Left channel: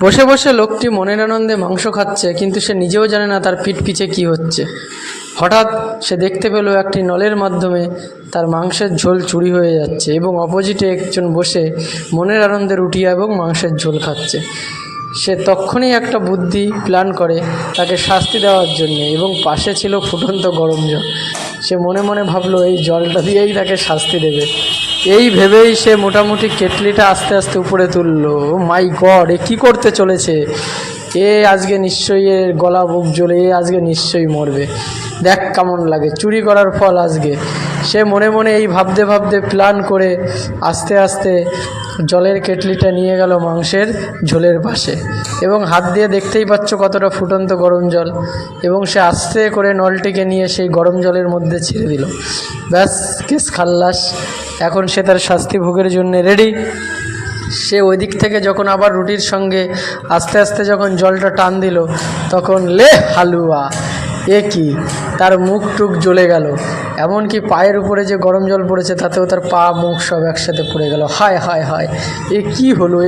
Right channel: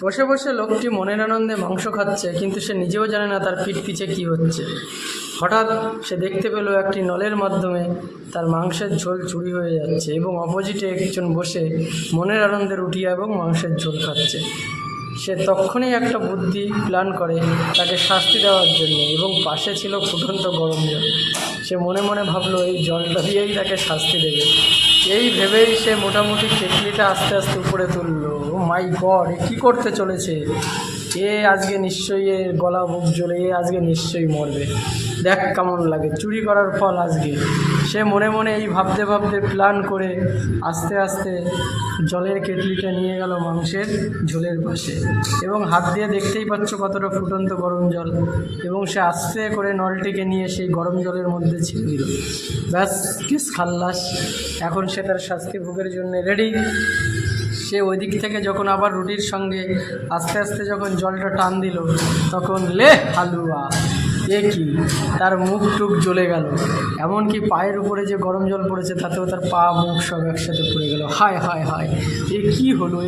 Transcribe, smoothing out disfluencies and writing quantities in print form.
বসে বসে লোকটি মনের আনন্দে মাংস খাচ্ছে, কিন্তু সে নিজেও জানে না তার পিঠ পিছে কী হচ্ছে। হঠাৎ সে দেখতে পেল একটি নলের মাধ্যমে তার মাংসের ঝোল চুরি হয়ে যাচ্ছে এবং অপোজিটে একজন বসে মনের আনন্দে রুটি এবং মাংসের ঝোল খাচ্ছে। সে তখনই একটা বুদ্ধি প্ল্যান করে তাকে শাস্তি দেওয়ার জন্যে, এবং পাশে ছিল ফুটন্ত গরম জল। সে মনে মনে ভাবলো এই জলটা দিয়েই তাকে শাস্তি দেবে। এই ভেবেই সে মোটামুটি কেটলিটা আস্তে আস্তে উপরে তুললো। মাই গড, এ কী করতে চলেছে? এ আজকে নিশ্চয়ই এর গলা বুক জ্বলে, এ আজকে নিশ্চয়ই মরবে। দেখ কেমন লাগে, চুরি করার ফল আজকে। সে মনে মনে এই ভাবতে ভাবতে প্ল্যান করে আস্তে আস্তে জলের কেটলিটা নিয়ে গেল মাংসের ঝোলের পাশে, এবং হাত দিয়ে দেখতেই পাচ্ছ কতটা ফুটন্ত গরম জল, এবং সে আস্তে করে নলটিকে নিয়ে সেই গরম জলের মধ্যে ছেড়ে দিল। ব্যাস, কেস খাল্লাস। এখন সে তার শাস্তি ভোগের জন্য রেডি। সে ওই দিক থেকে যখন আবার রুটির সঙ্গে আস্তে আস্তে যখন জলটা টান দিল, তখন লে হালুয়া, এ কি, তার মুখ টুক জ্বলে গেল। এমনকি পায়ের উপরে যে গরম জল পড়েছে তাতেও তার পা মুখ সব একসাথে পড়ে গেল। হায় হায় হায়, এ কি হলো?